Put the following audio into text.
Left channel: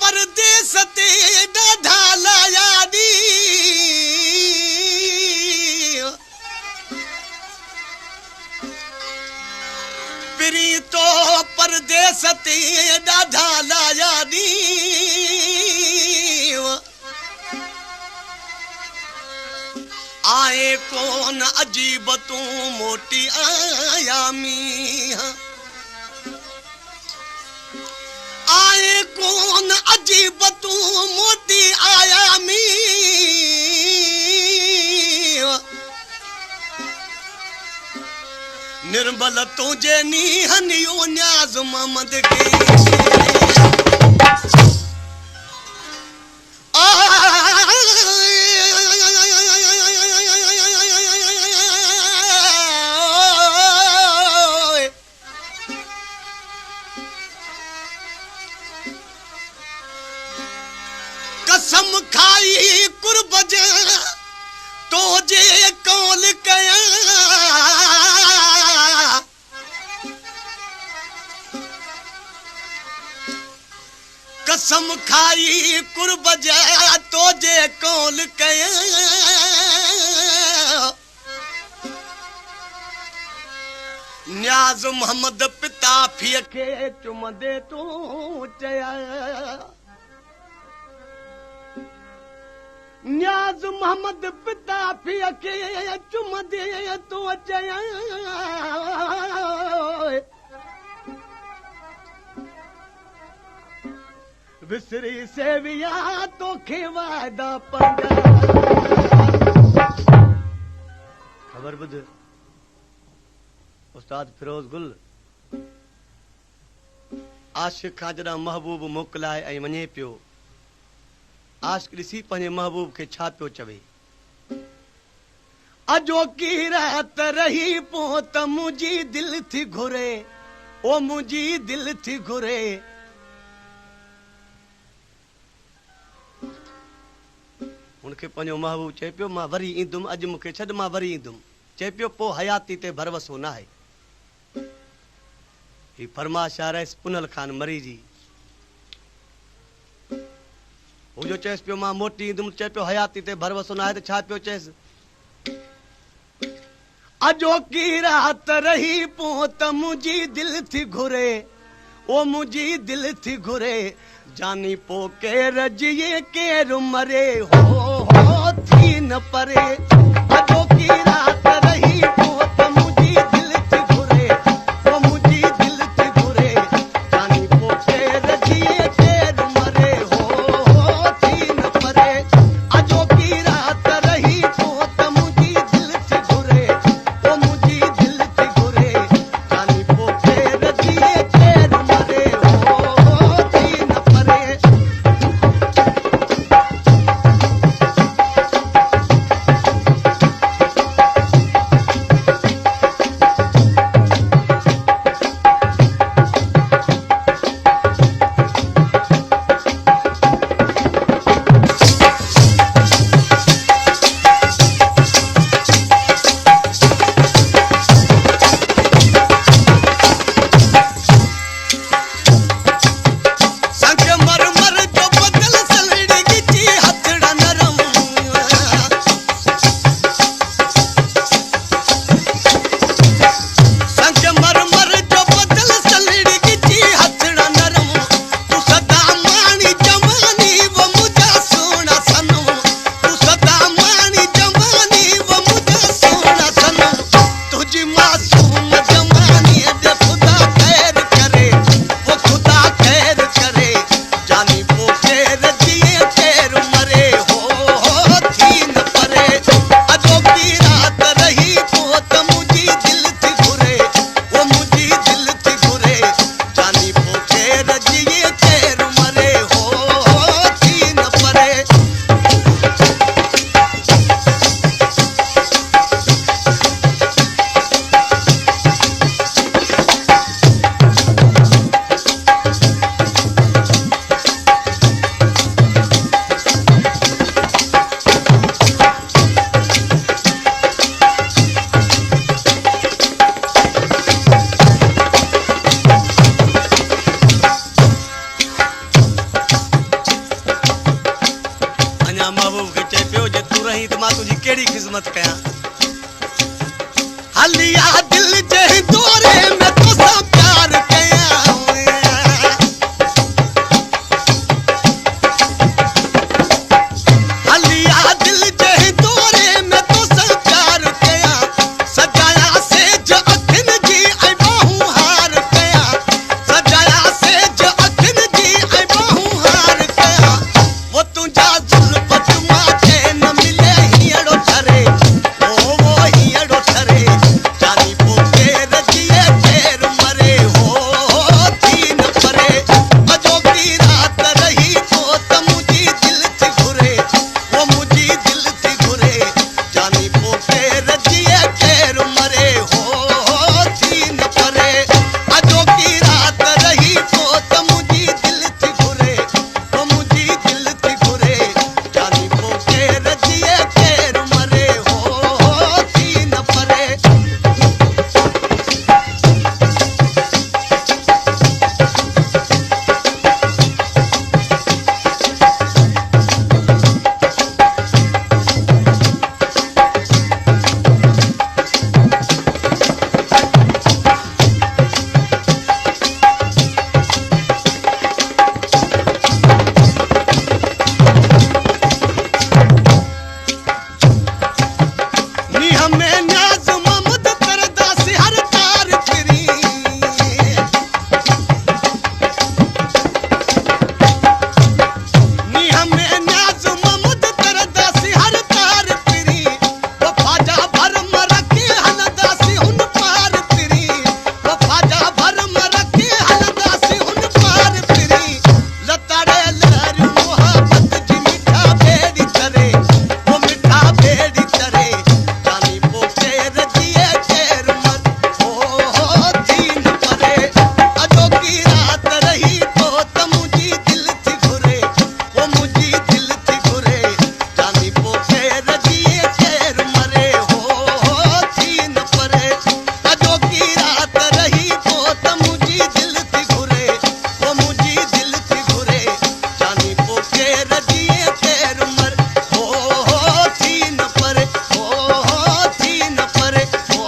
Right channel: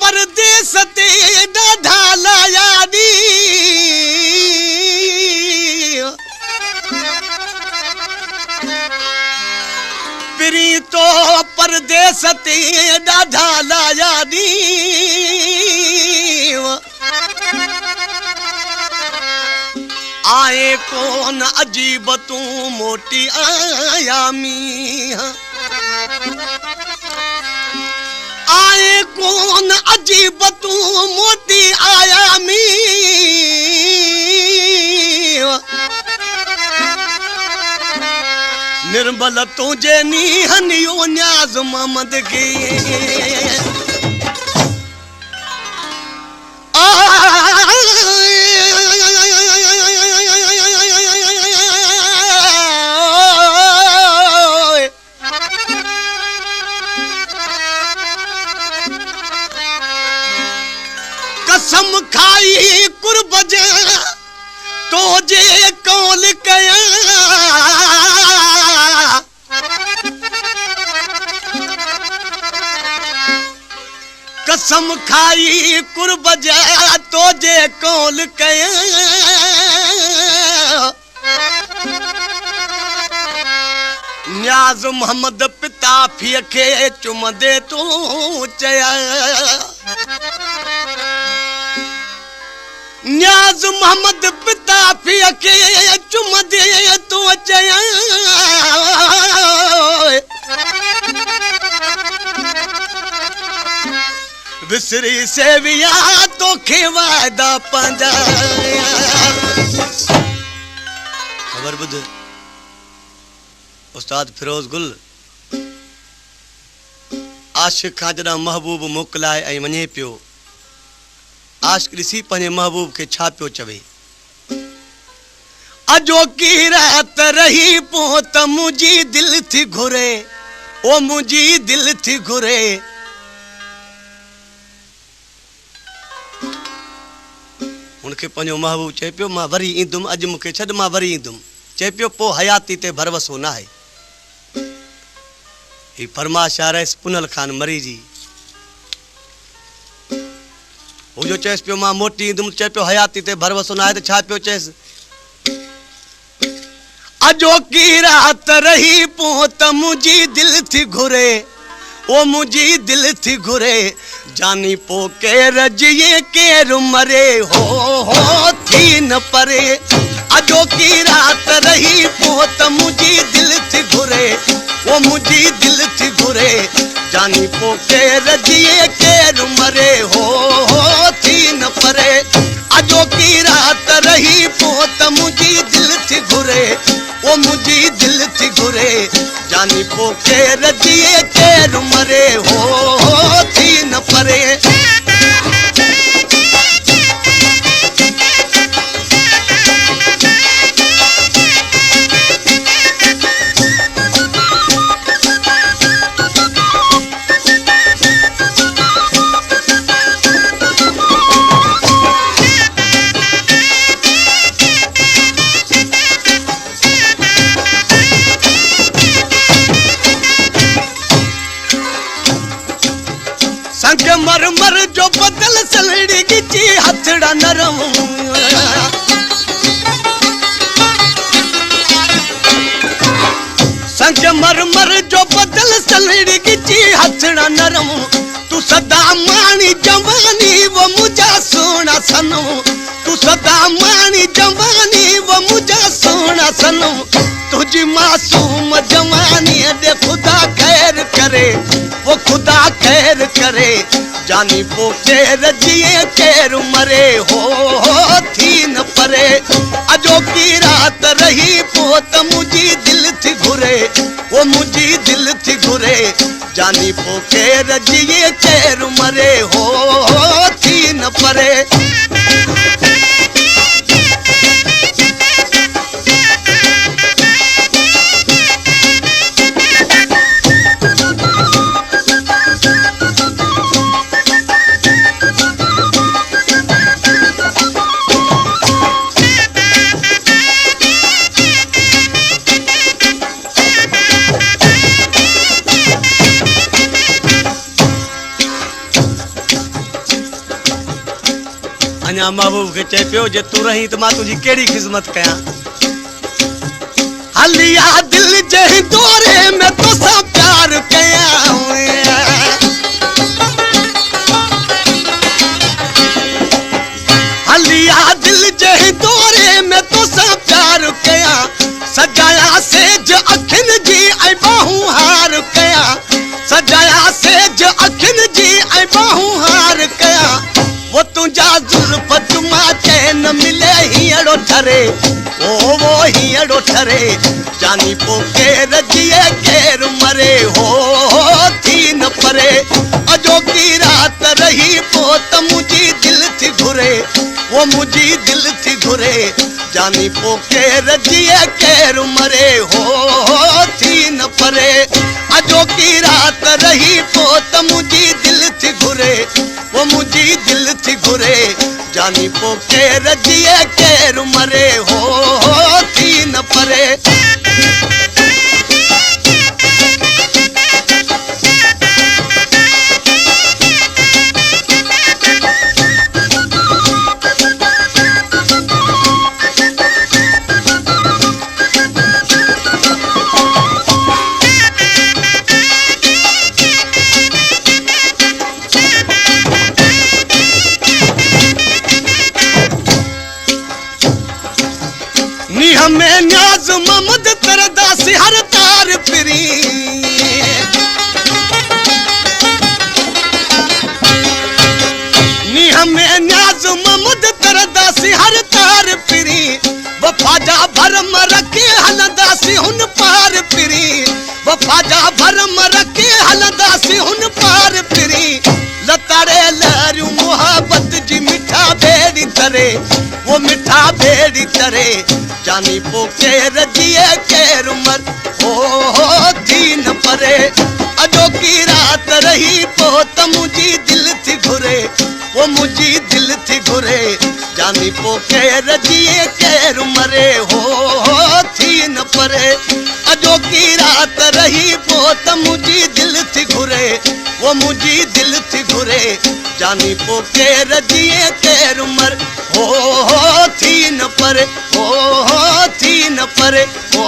परदेस ते ढाला यादी पिरी तो परदेस ते ढाला यादी आए कौन अजीब तू मोटी आया मियां आए कौन अजीब तू मोती आया मी निर्मल तुझे नी हनियो न्याज मोहम्मद की कसम खाई कुर्ब जे तो जे कौल कया कसम खाई कुर्ब जे तो जे कौल कया न्याज मोहम्मद पिता फीअ खे चुमदे तू चया न्याज मोहम्मद पिता फीअ खे चुमदे तू चया विसरी सेविया तोखे वादा पंहिंजा ख़बर ॿुध उस्ताद फिरोज गुल आशिक़ खां जॾहिं महबूब मोकिलाए ऐं वञे पियो आशिक़ ॾिसी पंहिंजे महबूब खे छा पियो चवे अजोकी रात रही पो त मुंहिंजी दिलि थी घुरे ओ मुंहिंजी दिलि थी घुरे हुनखे पंहिंजो महबूब चए पियो मां वरी ईंदुमि अॼु मूंखे छॾ मां वरी ईंदुमि चए पियो पोइ हयाती ते भरवसो न आहे ही फरमाश आ रहियसि पुनल खान मरी जी हू जो चएसि पियो मां मोटी ईंदुमि चए पियो हयाती ते भरवसो न आहे त छा पियो चएसि अजोकी रात रही पो त मुंहिंजी दिलि थी घुरे ओ मुंहिंजी दिलि थी घुरे जानी पो केर जिए केर मरे हो थी न परे अजोकी रात रही पो त मुंहिंजी दिलि थी घुरे ओ मुंहिंजी दिलि थी घुरे जानी पो केर जिए केर मरे हो थी न परे अजोकी रात रही पो त मुंहिंजी दिलि थी घुरे ओ मुंहिंजी दिलि थी घुरे जानी पो केर जिए केर मरे हो थी न परे मासूम जवानी दे खुदा खैर करे वो खुदा खैर करे जानी पो केर जिए केर मरे हो थी न परे अजोकी रात रही पो त मुंहिंजी दिलि थी घुरे वो मुंहिंजी दिलि थी घुरे जानी पो केर जिए केर मरे हो थी न परे अपना महबूब के चे पियो जे तू रही तो मां तुझी केड़ी खिदमत कया हलिया दिल जे दौरे में तो सा प्यार कया हलिया दिल जे दौरे में तो सा प्यार कया सजाया से ज अखिन जी आई बाहू हार कया सजाया से ज अखिन जी आई बाहू हार कया वो तुझा जुल्फ तुमा के न मिले हियड़ो ठरे ओ वो हियड़ो ठरे जानी पोके रजिए केर मरे हो तीन परे अजो की रात रही पोत मुझी दिल थी घुरे वो मुझी दिल थी घुरे जानी पोके रजिए केर मरे हो तीन परे अजो की रात रही पोत मुझी दिल थी घुरे वो मुझी दिल थी घुरे जानी पोके रजिए केर मरे हो तीन परे नी हमें न्याज ममद तरदासी हर तार फिरी नी हमें न्याज ममद तरदासी हर तार फिरी वफाजा भरम रखे हलदासी हुन पार फिरी वफाजा भरम रखे हलदासी हुन पार फिरी लताड़े लहरू मोहब्बत जी मिठा बेड़ी करे वो मिठा बेड़ी करे जानी पोके रजिए केर मर हो तीन परे अजो की रात रही पोत मुझी दिल थी घुरे वो मुझी दिल थी घुरे जानी पोके रजिए केर मरे हो तीन परे अजो की रात रही पोत मुझी दिल थी घुरे वो मुझी दिल थी घुरे जानी पोके रजिए केर मर हो तीन परे हो तीन परे हो